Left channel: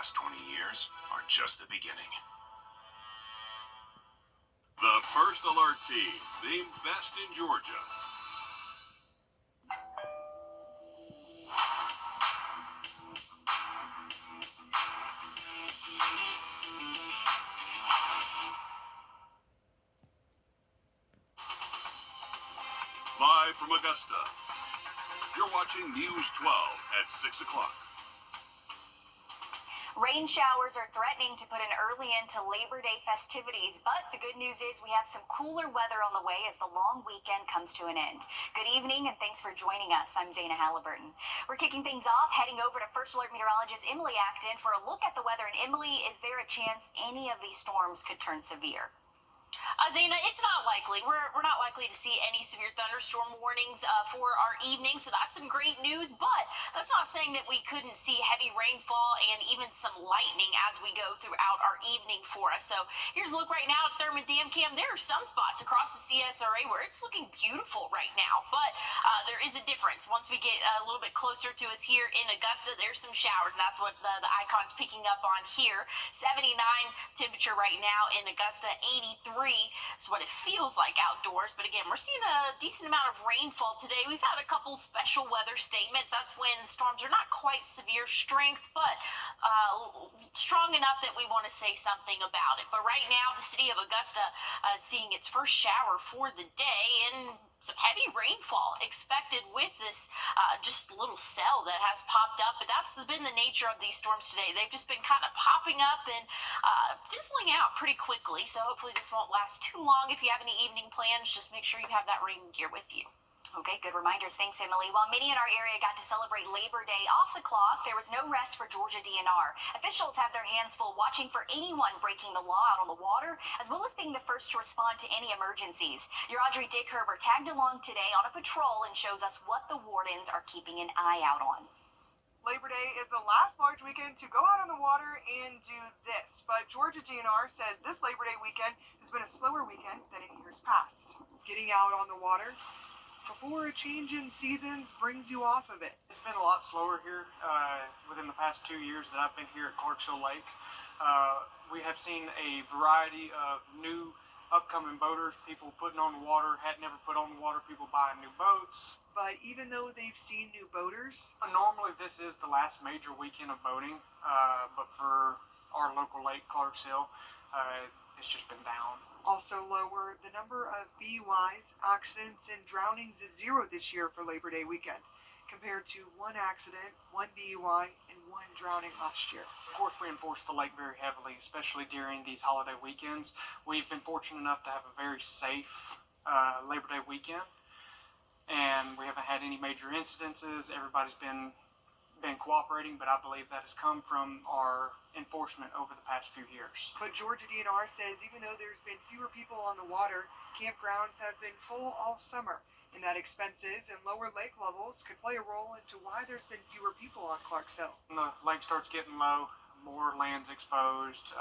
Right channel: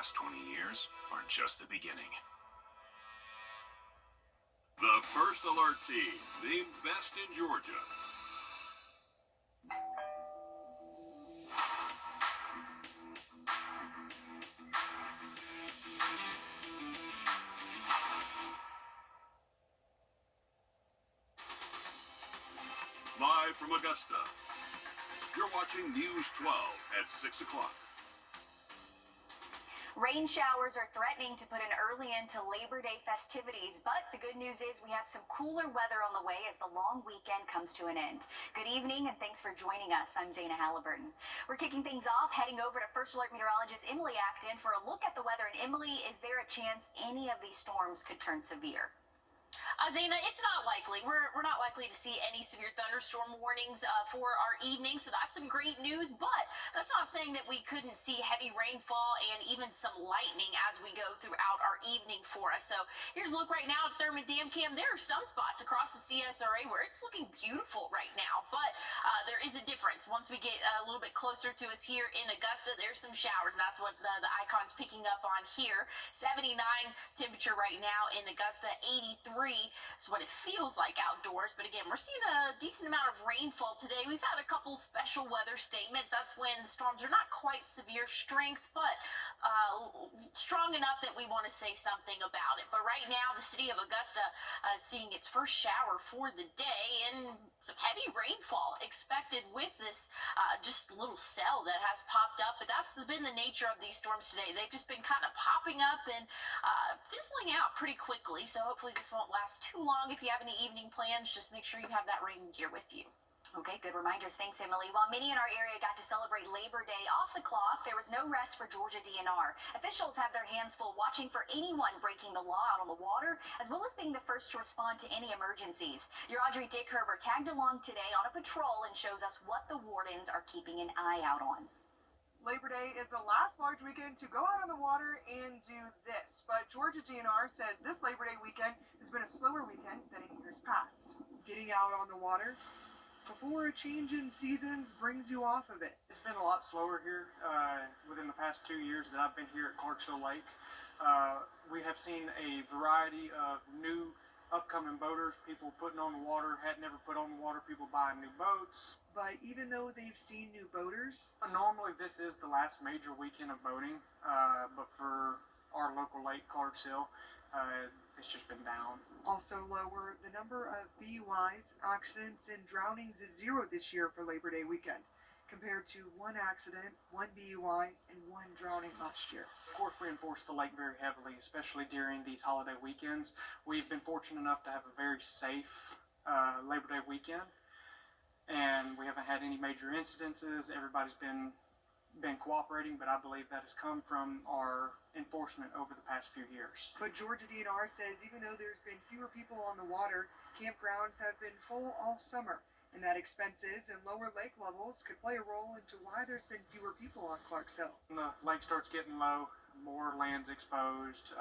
last 20 years are just the beginning. The first alert team, the best in Georgia. Live from Augusta, you're watching News 12 at 6 o'clock. Rain showers are threatening to put an early end to Labor Day festivities, but the good news is we have some cooler weather on the way as the long weekend comes to an end. Good evening and thanks for joining us. I'm Zaina Halliburton. We're kicking things off, heading over to First Alert meteorologist Emily Acton for a look at the weather. And Emily, is there a chance any of these storms could turn severe? Zaina, it's not likely. We're not likely to see any severe thunderstorm warnings for our evening, so that's some great news. But that's not saying that we couldn't see heavy rainfall and even some lightning as we go throughout our evening for us. So here's a look right now at Thurman Dam Cam. There are some spots across the CSRA where it's looking beautiful right now, but there is a difference. Once we get a little bit closer to us here in Augusta, there's some showers. And that's what the icon's picking up on here. 79 temperature right now in Augusta, 83 is what it feels like outdoors. But again, we're seeing a decent amount of rainfall today. We've had a couple special weather statements. That's when storms are not quite severe strength, but strong enough that we want to say something about it. But right now, the city of Augusta is seeing its first shower for the day, and some heavy rainfall expected with this just little cell that has popped up. But that's been the nature of these storms today. They've just been kind of popping up and fizzling out pretty quickly. So hopefully this won't last too long. If you have any evening plans, just make sure you have that rain gear with you. Okay, good reminders. Thanks, Emily. While many in our area got to celebrate Labor Day off the clock, there was no rest for Georgia DNR. Officials have their hands full watching for anyone breaking the law out on the water, as well as being the first to respond to any emergencies. Your Audrey Dickerber tagged along today on a patrol and shows us what the wardens are keeping an eye out on. Labor Day is the last large weekend to go out on the water and do this, but Georgia DNR says this Labor Day weekend has been a slower weekend than in years past. Getting out on the water before a change in seasons brings you off of it. It's been a lot slower here within the past 2 years that I've been here at Clarksville Lake. We have seen a variety of new upcoming boaters, people putting on the water, had never put on the water, people buying new boats. But even though they've seen new boaters, normally this is the last major weekend of boating, but for our local lake, Clarksville, it's just been down. Also lower, the number of BUIs, accidents, and drownings is 0 this year for Labor Day weekend, compared to 1 accident, 1 BUI, and 1 drowning last year. Of course, we enforce the lake very heavily, especially during these holiday weekends. We've been fortunate enough to have a very safe Labor Day weekend, and we haven't had any major incidences. Everybody's been cooperating, but I believe that has come from our enforcement over the past few years. But Georgia DNR says even though there's been fewer people on the water, campgrounds have been full all summer, and that expenses and lower lake levels could play a role into why there's been fewer people on Clarksville. When the lake starts getting low, more land's exposed.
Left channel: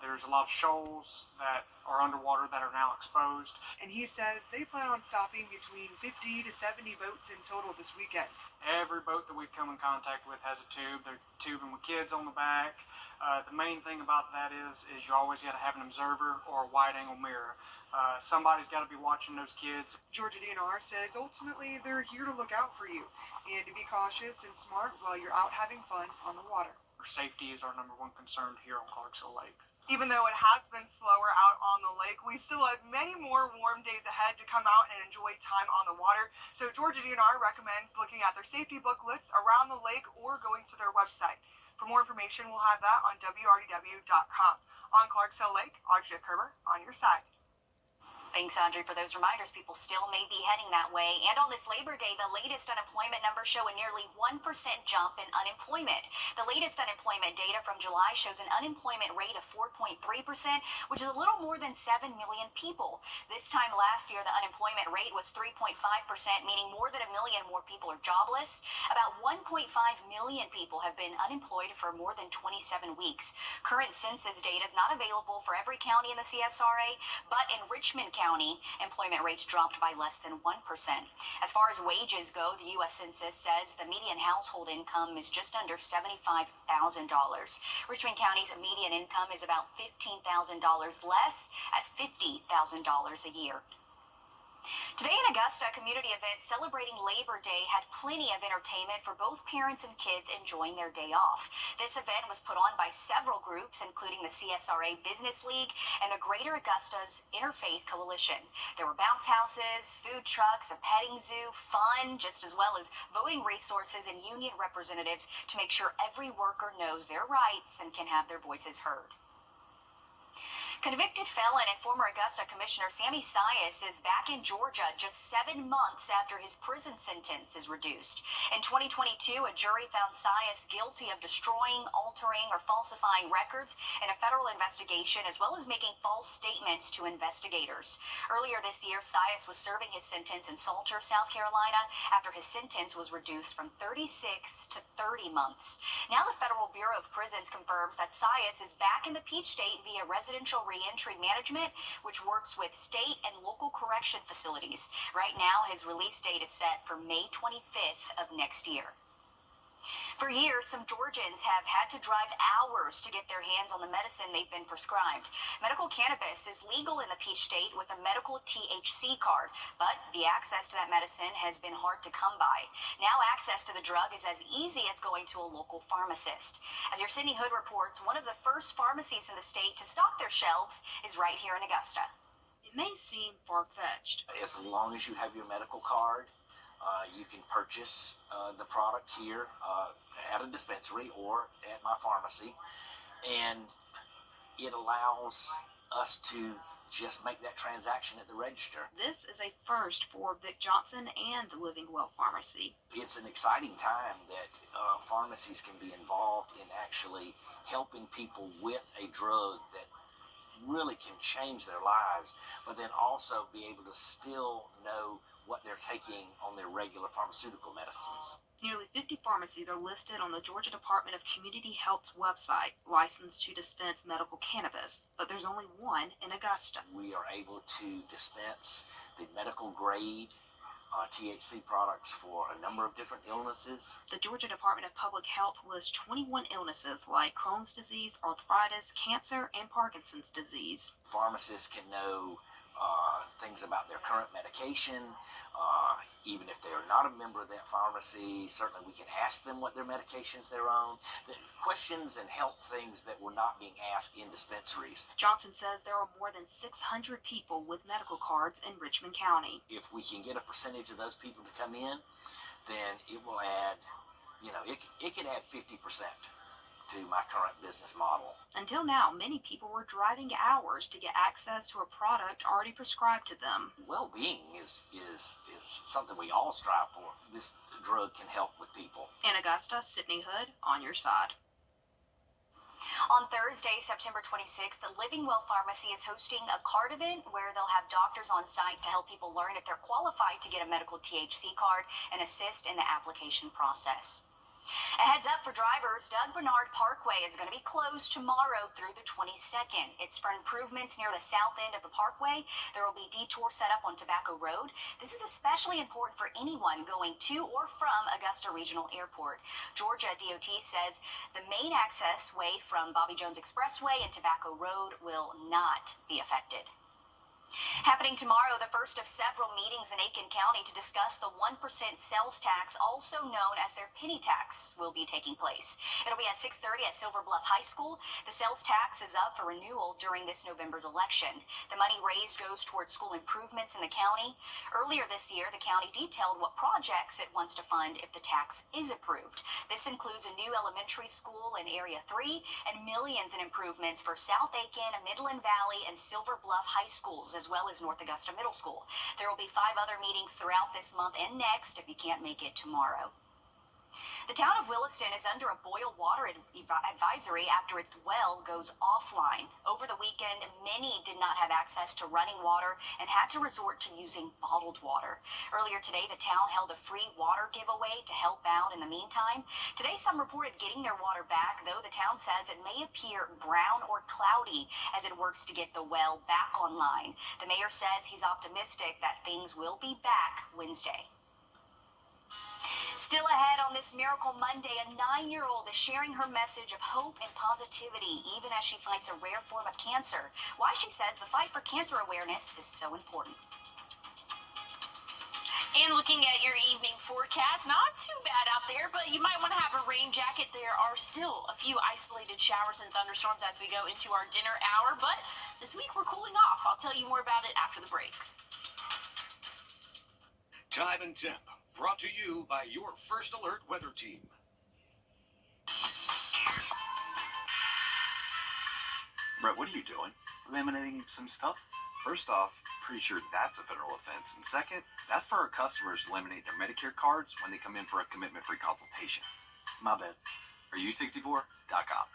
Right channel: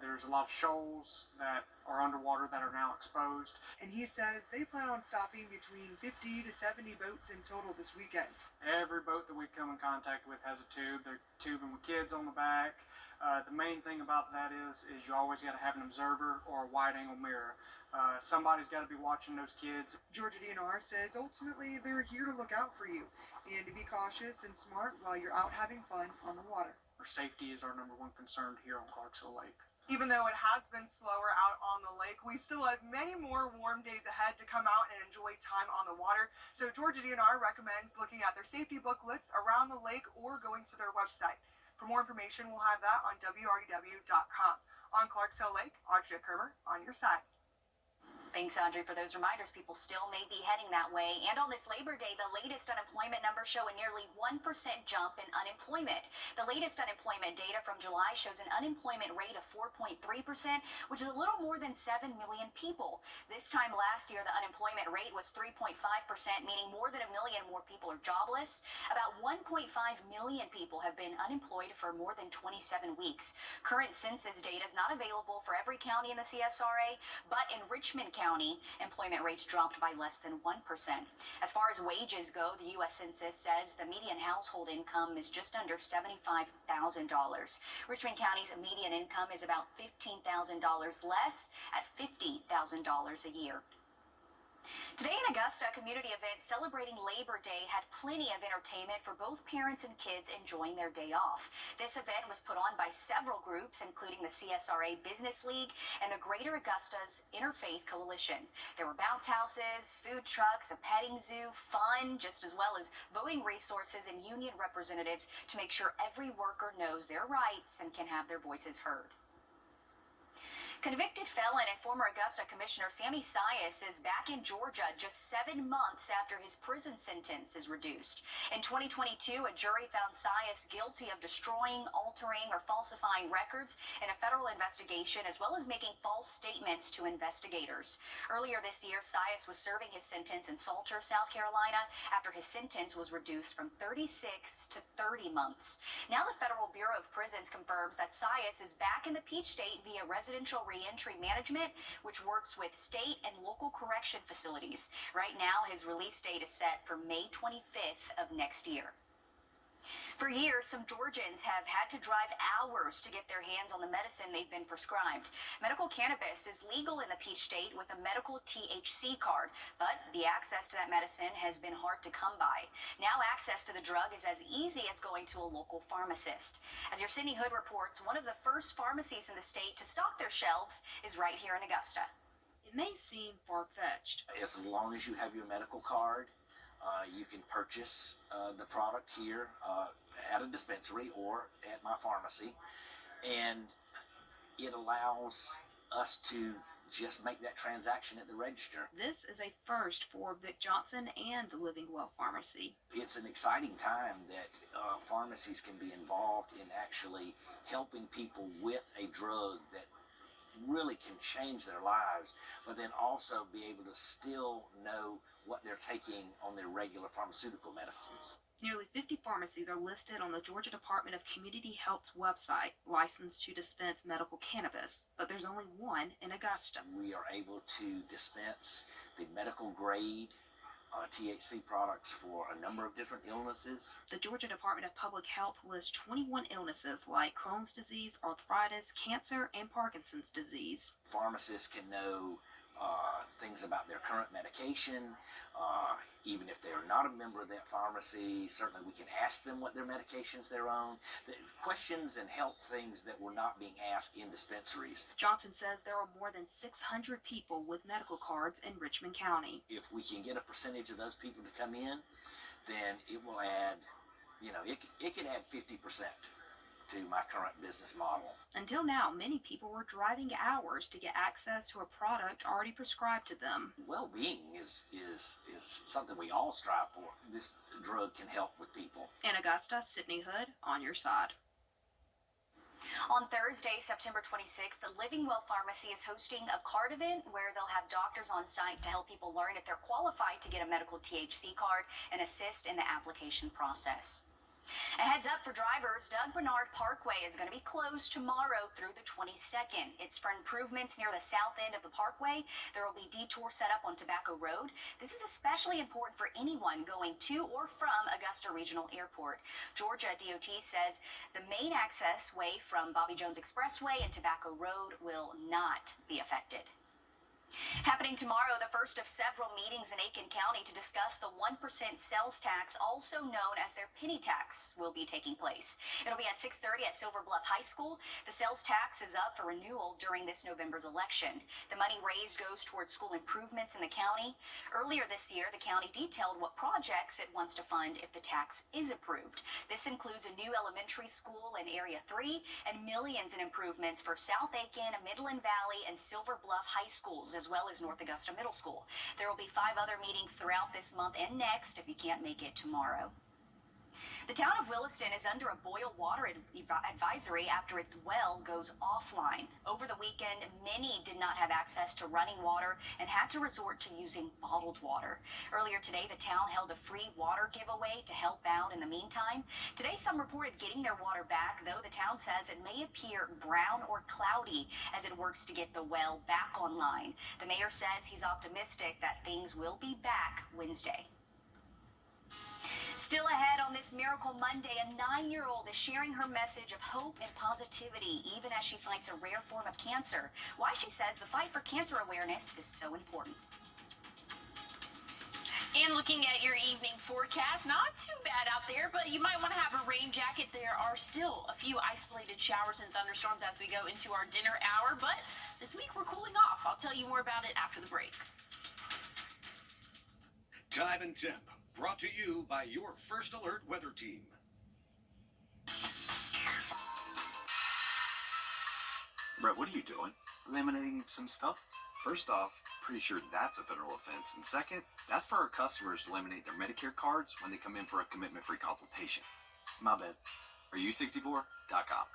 There's a lot of shoals that are underwater that are now exposed. And he says they plan on stopping between 50 to 70 boats in total this weekend. Every boat that we come in contact with has a tube. They're tubing with kids on the back. The main thing about that is you always got to have an observer or a wide-angle mirror. Somebody's got to be watching those kids. Georgia DNR says ultimately they're here to look out for you and to be cautious and smart while you're out having fun on the water. Safety is our number one concern here on Clarksville Lake. Even though it has been slower out on the lake, we still have many more warm days ahead to come out and enjoy time on the water. So Georgia DNR recommends looking at their safety booklets around the lake or going to their website. For more information, we'll have that on Wrdw.com. On Clarksville Lake, Audrey Dickerber on your side. Thanks, Audrey, for those reminders. People still may be heading that way. And on this Labor Day, the latest unemployment numbers show a nearly 1% jump in unemployment. The latest unemployment data from July shows an unemployment rate of 4.3%, which is a little more than 7 million people. This time last year, the unemployment rate was 3.5%, meaning more than 1 million more people are jobless. About 1.5 million people have been unemployed for more than 27 weeks. Current census data is not available for every county in the CSRA, but in Richmond County, County, employment rates dropped by less than 1%. As far as wages go, the U.S. Census says the median household income is just under $75,000. Richmond County's median income is about $15,000 less at $50,000 a year. Today in Augusta, a community event celebrating Labor Day had plenty of entertainment for both parents and kids enjoying their day off. This event was put on by several groups, including the CSRA Business League and the Greater Augusta's Interfaith Coalition. There were bounce houses, food trucks, a petting zoo, fun, just as well as voting resources and union representatives to make sure every worker knows their rights and can have their voices heard. Convicted felon and former Augusta Commissioner Sammy Sias is back in Georgia just 7 months after his prison sentence is reduced. In 2022, a jury found Sias guilty of destroying, altering, or falsifying records in a federal investigation, as well as making false statements to investigators. Earlier this year, Sias was serving his sentence in Salter, South Carolina, after his sentence was reduced from 36 to 30 months. Now the Federal Bureau of Prisons confirms that Sias is back in the Peach State via residential reentry management, which works with state and local correction facilities. Right now, his release date is set for May 25th of next year. For years, some Georgians have had to drive hours to get their hands on the medicine they've been prescribed. Medical cannabis is legal in the Peach State with a medical THC card, but the access to that medicine has been hard to come by. Now access to the drug is as easy as going to a local pharmacist. As your Sydney Hood reports, one of the first pharmacies in the state to stock their shelves is right here in Augusta. It may seem far-fetched. As long as you have your medical card, you can purchase the product here at a dispensary or at my pharmacy, and it allows us to just make that transaction at the register. This is a first for Vic Johnson and the Living Well Pharmacy. It's an exciting time that pharmacies can be involved in actually helping people with a drug that really can change their lives, but then also be able to still know what they're taking on their regular pharmaceutical medicines. Nearly 50 pharmacies are listed on the Georgia Department of Community Health's website, licensed to dispense medical cannabis, but there's only one in Augusta. We are able to dispense the medical grade THC products for a number of different illnesses. The Georgia Department of Public Health lists 21 illnesses like Crohn's disease, arthritis, cancer, and Parkinson's disease. Pharmacists can know things about their current medication. Even if they are not a member of that pharmacy, certainly we can ask them what their medications they're on. The questions and health things that were not being asked in dispensaries. Johnson says there are more than 600 people with medical cards in Richmond County. If we can get a percentage of those people to come in, then it will add, it could add 50% to my current business model. Until now, many people were driving hours to get access to a product already prescribed to them. Well-being is something we all strive for. This drug can help with people. In Augusta, Sydney Hood, on your side. On Thursday, September 26th, the Living Well Pharmacy is hosting a card event where they'll have doctors on site to help people learn if they're qualified to get a medical THC card and assist in the application process. A heads up for drivers, Doug Bernard Parkway is going to be closed tomorrow through the 22nd. It's for improvements near the south end of the parkway. There will be detour set up on Tobacco Road. This is especially important for anyone going to or from Augusta Regional Airport. Georgia DOT says the main access way from Bobby Jones Expressway and Tobacco Road will not be affected. Happening tomorrow, the first of several meetings in Aiken County to discuss the 1% sales tax, also known as their penny tax, will be taking place. It'll be at 6:30 at Silver Bluff High School. The sales tax is up for renewal during this November's election. The money raised goes towards school improvements in the county. Earlier this year, the county detailed what projects it wants to fund if the tax is approved. This includes a new elementary school in Area 3 and millions in improvements for South Aiken, Midland Valley, and Silver Bluff High Schools, as well as North Augusta Middle School. There will be 5 other meetings throughout this month and next if you can't make it tomorrow. The town of Williston is under a boil water advisory after its well goes offline. Over the weekend, many did not have access to running water and had to resort to using bottled water. Earlier today, the town held a free water giveaway to help out in the meantime. Today, some reported getting their water back, though the town says it may appear brown or cloudy as it works to get the well back online. The mayor says he's optimistic that things will be back Wednesday. Still ahead on this Miracle Monday, a 9-year-old is sharing her message of hope and positivity even as she fights a rare form of cancer. Why she says the fight for cancer awareness is so important. And looking at your evening forecast, not too bad out there, but you might want to have a rain jacket. There are still a few isolated showers and thunderstorms as we go into our dinner hour, but this week we're cooling off. I'll tell you more about it after the break. Time and Temp, brought to you by your First Alert weather team. Brett, what are you doing? Laminating some stuff? First off, pretty sure that's a federal offense. And second, that's for our customers to laminate their Medicare cards when they come in for a commitment-free consultation. My bad. Are you64.com.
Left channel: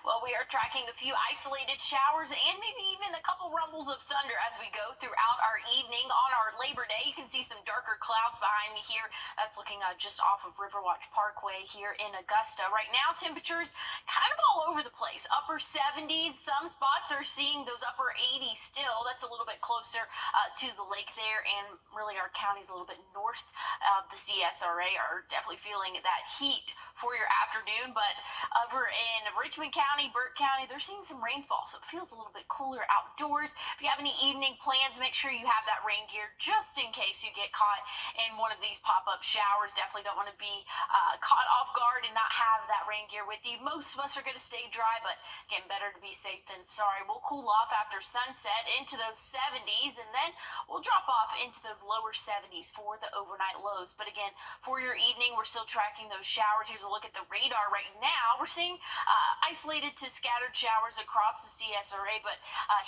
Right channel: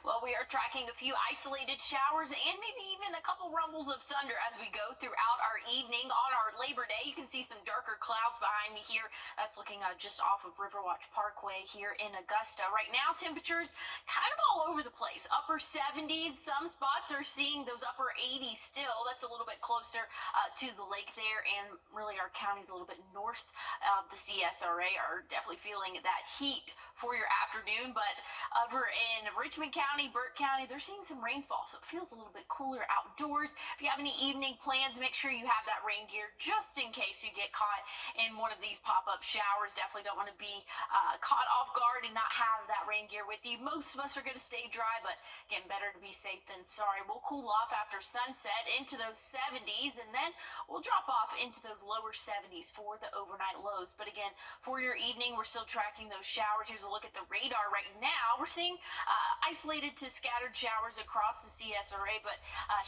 Well, we are tracking a few isolated showers and maybe even a couple rumbles of thunder as we go throughout our evening on our Labor Day. You can see some darker clouds behind me here. That's looking just off of Riverwatch Parkway here in Augusta. Right now, temperatures kind of all over the place. Upper 70s. Some spots are seeing those upper 80s still. That's a little bit closer to the lake there, and really our counties a little bit north of the CSRA are definitely feeling that heat for your afternoon. But over in Richmond County, Burke County, they're seeing some rainfall, so it feels a little bit cooler outdoors. If you have any evening plans, make sure you have that rain gear just in case you get caught in one of these pop-up showers. Definitely don't want to be caught off guard and not have that rain gear with you. Most of us are going to stay dry, but again, better to be safe than sorry. We'll cool off after sunset into those 70s, and then we'll drop off into those lower 70s for the overnight lows. But again, for your evening, we're still tracking those showers. Here's a look at the radar right now. We're seeing isolated to scattered showers across the CSRA, but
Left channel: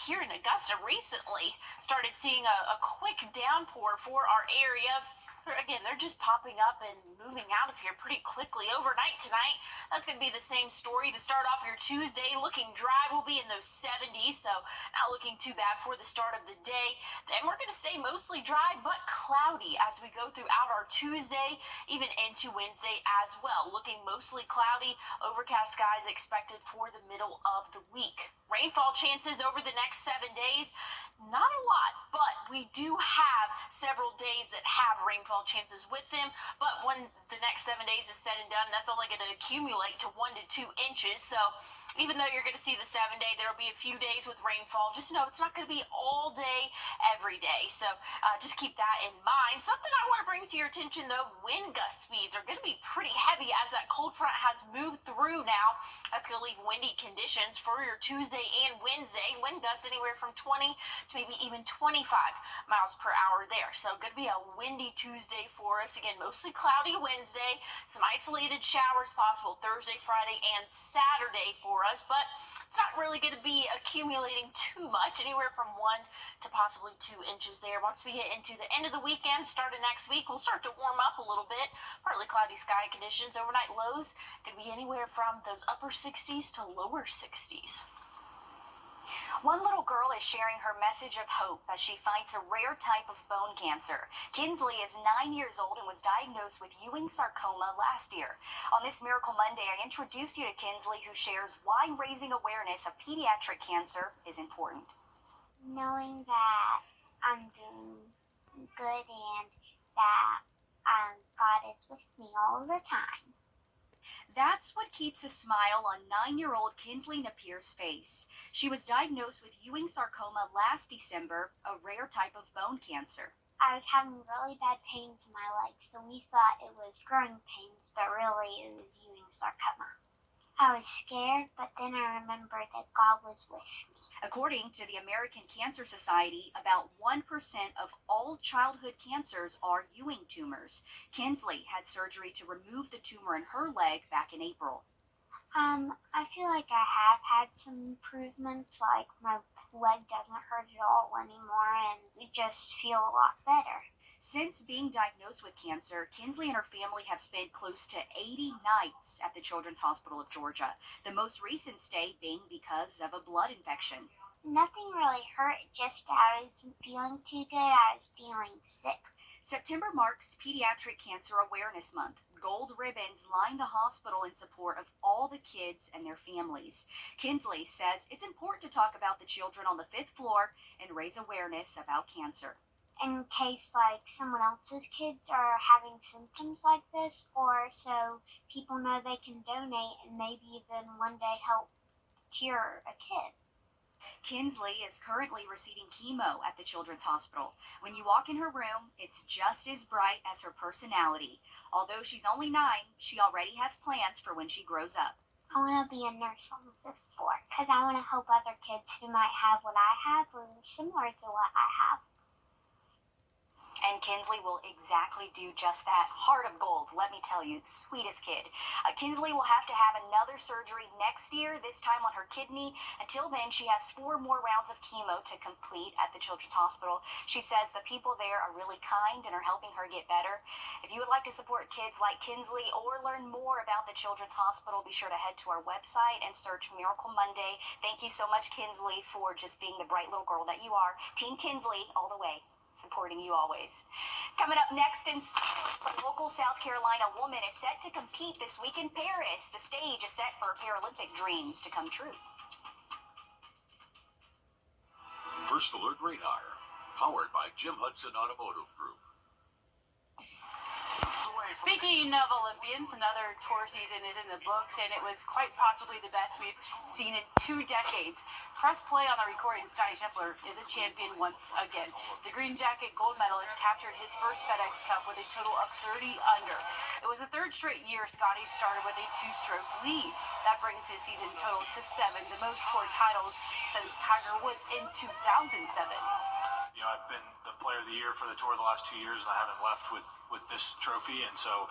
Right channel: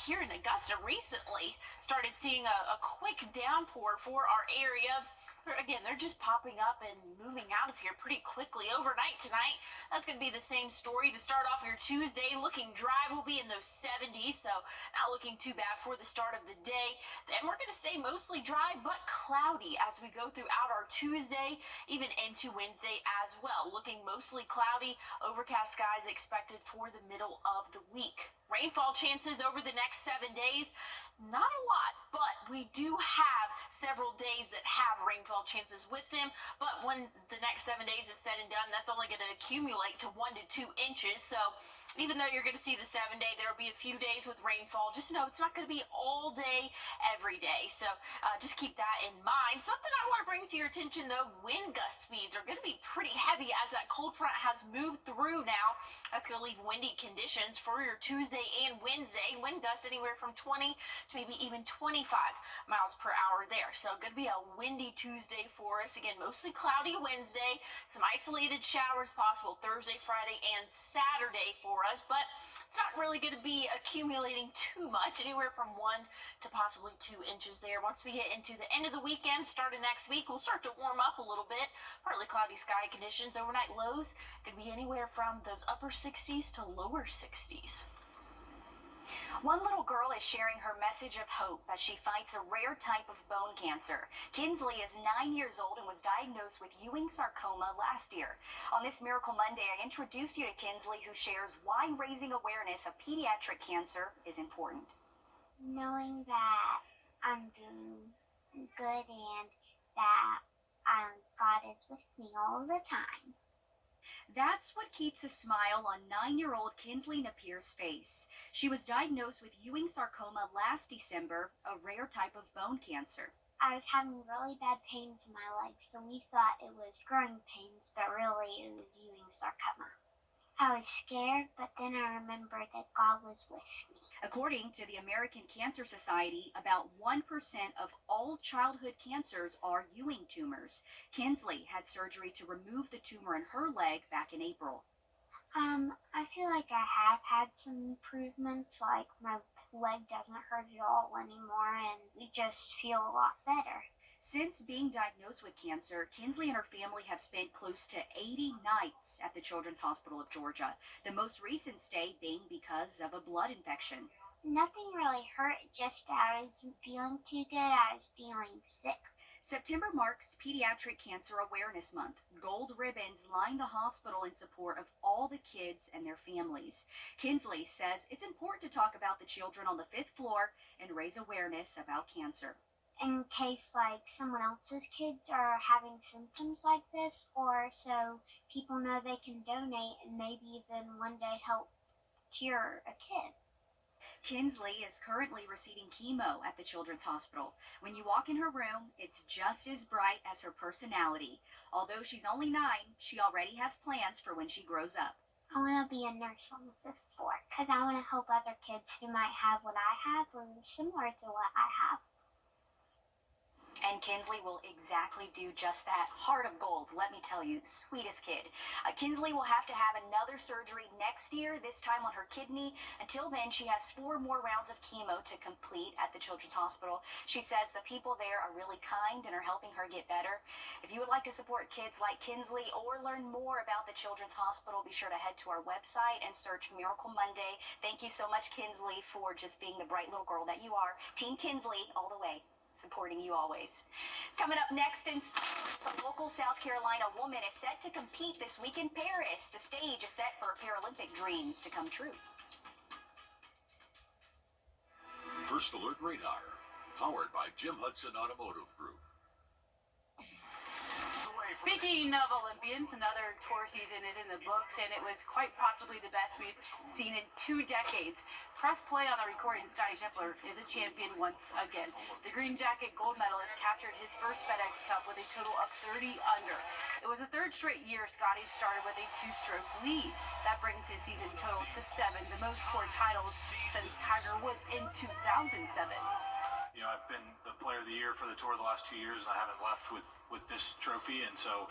here in Augusta recently started seeing a quick downpour for our area. Again, they're just popping up and moving out of here pretty quickly. Overnight tonight, that's going to be the same story. To start off your Tuesday, looking dry. We'll be in those 70s, so not looking too bad for the start of the day. Then we're going to stay mostly dry but cloudy as we go throughout our Tuesday, even into Wednesday as well. Looking mostly cloudy, overcast skies expected for the middle of the week. Rainfall chances over the next 7 days. Not a lot, but we do have several days that have rainfall chances with them. But when the next 7 days is said and done, that's only going to accumulate to 1 to 2 inches. So even though you're going to see the 7-day, there will be a few days with rainfall. Just know it's not going to be all day, every day. So just keep that in mind. Something I want to bring to your attention, though, wind gust speeds are going to be pretty heavy as that cold front has moved through now. That's going to leave windy conditions for your Tuesday and Wednesday. Wind gusts anywhere from 20 to maybe even 25 miles per hour there. So going to be a windy Tuesday for us. Again, mostly cloudy Wednesday. Some isolated showers possible Thursday, Friday, and Saturday for us, but it's not really going to be accumulating too much, anywhere from 1 to possibly 2 inches there. Once we get into the end of the weekend, starting next week, we'll start to warm up a little bit. Partly cloudy sky conditions. Overnight lows could be anywhere from those upper 60s to lower 60s. One little girl is sharing her message of hope as she fights a rare type of bone cancer. Kinsley is 9 years old and was diagnosed with Ewing sarcoma last year. On this Miracle Monday, I introduce you to Kinsley, who shares why raising awareness of pediatric cancer is important. Knowing that I'm doing good and that God is with me all the time. That's what keeps a smile on 9-year-old Kinsley Napier's face. She was diagnosed with Ewing sarcoma last December, a rare type of bone cancer. I was having really bad pains in my legs, so we thought it was growing pains, but really it was Ewing sarcoma. I was scared, but then I remembered that God was with me. According to the American Cancer Society, about 1% of all childhood cancers are Ewing tumors. Kinsley had surgery to remove the tumor in her leg back in April. I feel like I have had some improvements, like my leg doesn't hurt at all anymore, and we just feel a lot better. Since being diagnosed with cancer, Kinsley and her family have spent close to 80 nights at the Children's Hospital of Georgia, the most recent stay being because of a blood infection. Nothing really hurt, just I wasn't feeling too good. I was feeling sick. September marks Pediatric Cancer Awareness Month. Gold ribbons line the hospital in support of all the kids and their families. Kinsley says it's important to talk about the children on the 5th floor and raise awareness about cancer. In case like someone else's kids are having symptoms like this, or so people know they can donate and maybe even one day help cure a kid. Kinsley is currently receiving chemo at the Children's Hospital. When you walk in her room, it's just as bright as her personality. Although she's only 9, she already has plans for when she grows up. I want to be a nurse on the 5th floor because I want to help other kids who might have what I have or similar to what I have. And Kinsley will exactly do just that. Heart of gold, let me tell you, sweetest kid. Kinsley will have to have another surgery next year, this time on her kidney. Until then, she has 4 more rounds of chemo to complete at the Children's Hospital. She says the people there are really kind and are helping her get better. If you would like to support kids like Kinsley or learn more about the Children's Hospital, be sure to head to our website and search Miracle Monday. Thank you so much, Kinsley, for just being the bright little girl that you are. Team Kinsley, all the way. Supporting you always. Coming up next in sports, a local South Carolina woman is set to compete this week in Paris. The stage is set for Paralympic dreams to come true. First Alert Radar, powered by Jim Hudson Automotive Group. Speaking of Olympians, another tour season is in the books, and it was quite possibly the best we've seen in 2 decades. Press play on the recording. Scotty Scheffler is a champion once again. The Green Jacket gold medalist captured his first FedEx Cup with a total of 30 under. It was the 3rd straight year Scotty started with a 2-stroke lead. That brings his season total to 7, the most tour titles since Tiger Woods in 2007. You know, I've been the player of the year for the tour the last 2 years, and I haven't left with this trophy, and so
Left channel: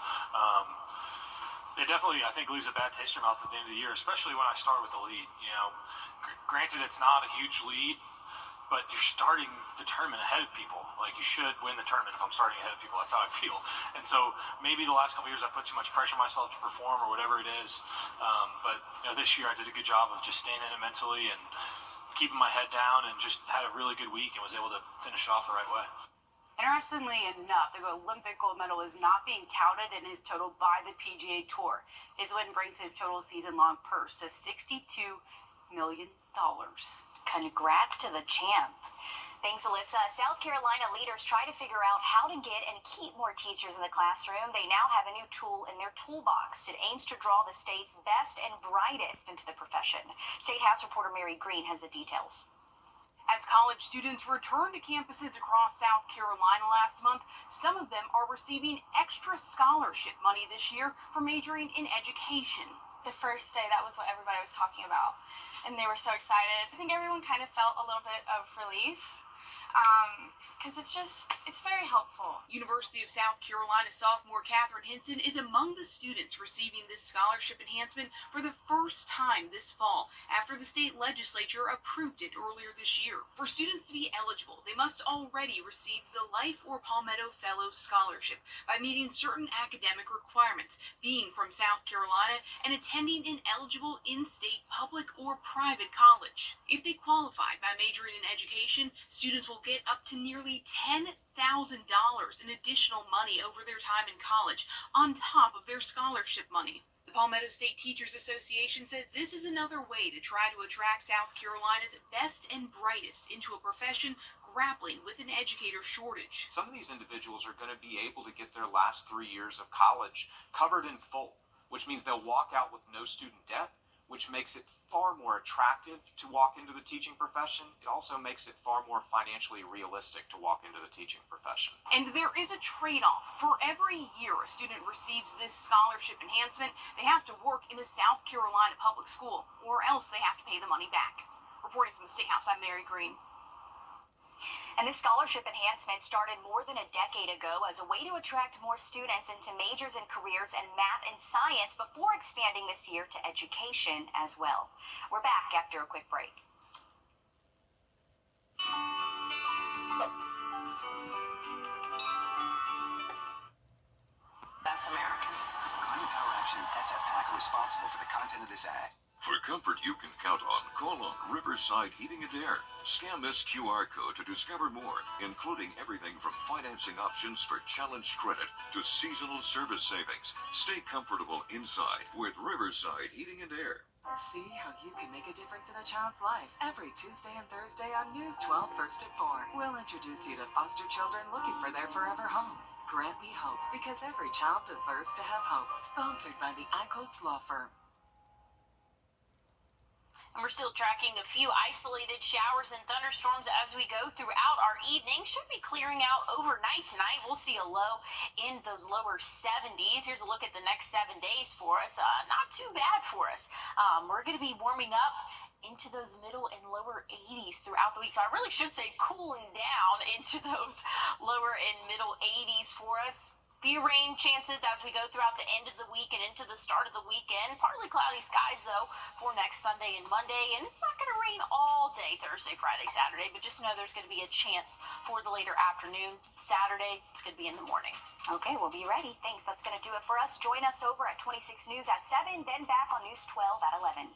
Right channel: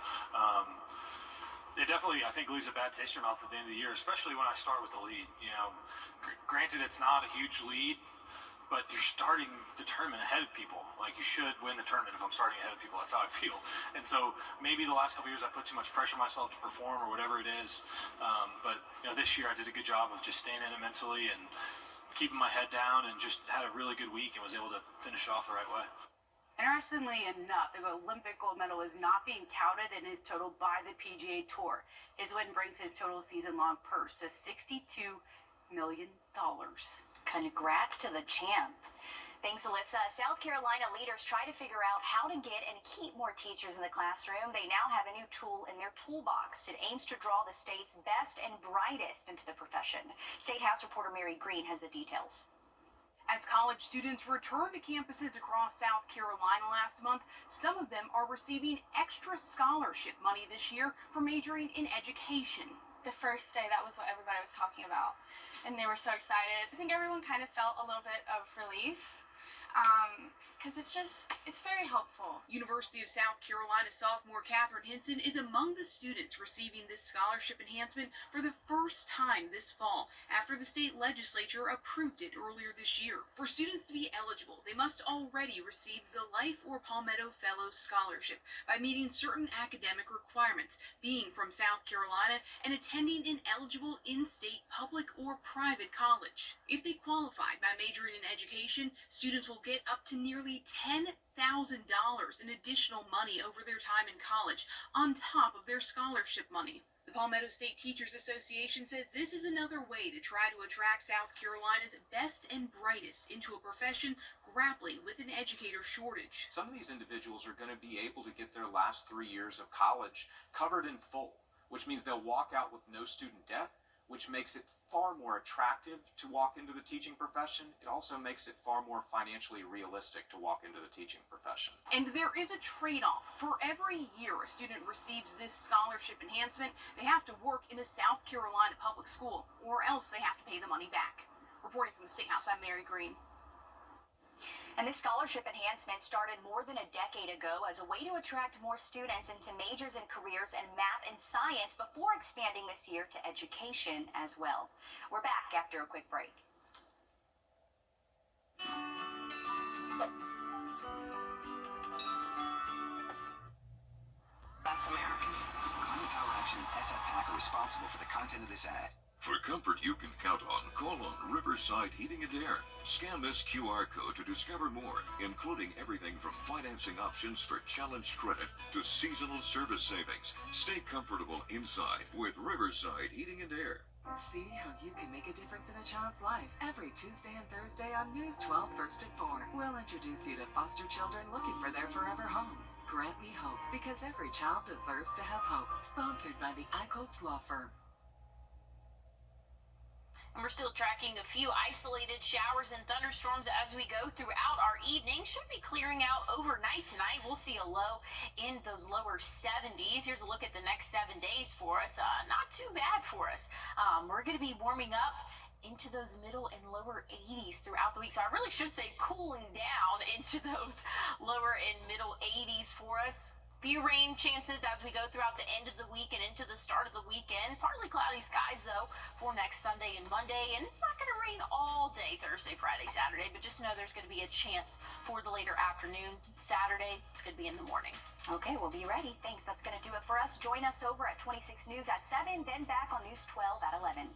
it definitely, I think, leaves a bad taste in your mouth at the end of the year, especially when I start with the lead. You know, granted, it's not a huge lead, but you're starting the tournament ahead of people. Like, you should win the tournament if I'm starting ahead of people. That's how I feel. And so maybe the last couple years I put too much pressure on myself to perform or whatever it is. But you know, this year I did a good job of just staying in it mentally and keeping my head down, and just had a really good week and was able to finish it off the right way. Interestingly enough, the Olympic gold medal is not being counted in his total by the PGA Tour. His win brings his total season-long purse to $62 million. Congrats to the champ. Thanks, Alyssa. South Carolina leaders try to figure out how to get and keep more teachers in the classroom. They now have a new tool in their toolbox. It aims to draw the state's best and brightest into the profession. State House reporter Mary Green has the details. As college students return to campuses across South Carolina last month, some of them are receiving extra scholarship money this year for majoring in education. The first day, that was what everybody was talking about, and they were so excited. I think everyone kind of felt a little bit of relief, because it's very helpful. University of South Carolina sophomore Catherine Henson is among the students receiving this scholarship enhancement for the first time this fall, after the state legislature approved it earlier this year. For students to be eligible, they must already receive the Life or Palmetto Fellow Scholarship by meeting certain academic requirements, being from South Carolina, and attending an eligible in-state public or private college. If they qualify by majoring in education, students will get up to nearly $10,000 in additional money over their time in college, on top of their scholarship money. The Palmetto State Teachers Association says this is another way to try to attract South Carolina's best and brightest into a profession grappling with an educator shortage. Some of these individuals are going to be able to get their last 3 years of college covered in full, which means they'll walk out with no student debt, which makes it far more attractive to walk into the teaching profession. It also makes it far more financially realistic to walk into the teaching profession. And there is a trade-off. For every year a student receives this scholarship enhancement, they have to work in a South Carolina public school, or else they have to pay the money back. Reporting from the State House, I'm Mary Green. And this scholarship enhancement started more than a decade ago as a way to attract more students into majors and careers in math and science before expanding this year to education as well. We're back after a quick break. us Americans. Climate Power Action and FFPAC are responsible for the content of this ad. For comfort you can count on, call on Riverside Heating and Air. Scan this QR code to discover more, including everything from financing options for challenged credit to seasonal service savings. Stay comfortable inside with Riverside Heating and Air. See how you can make a difference in a child's life every Tuesday and Thursday on News 12 First at 4. We'll introduce you to foster children looking for their forever homes. Grant me hope, because every child deserves to have hope. Sponsored by the Eichholz Law Firm. And we're still tracking a few isolated showers and thunderstorms as we go throughout our evening. Should be clearing out overnight tonight. We'll see a low in those lower 70s. Here's a look at the next 7 days for us. Not too bad for us. We're going to be warming up into those middle and lower 80s throughout the week. So I really should say cooling down into those lower and middle 80s for us. Few rain chances as we go throughout the end of the week and into the start of the weekend. Partly cloudy skies, though, for next Sunday and Monday. And it's not going to rain all day Thursday, Friday, Saturday. But just know there's going to be a chance for the later afternoon. Saturday, it's going to be in the morning. Okay, we'll be ready. Thanks. That's going to do it for us. Join us over at 26 News at 7, then back on News 12 at 11.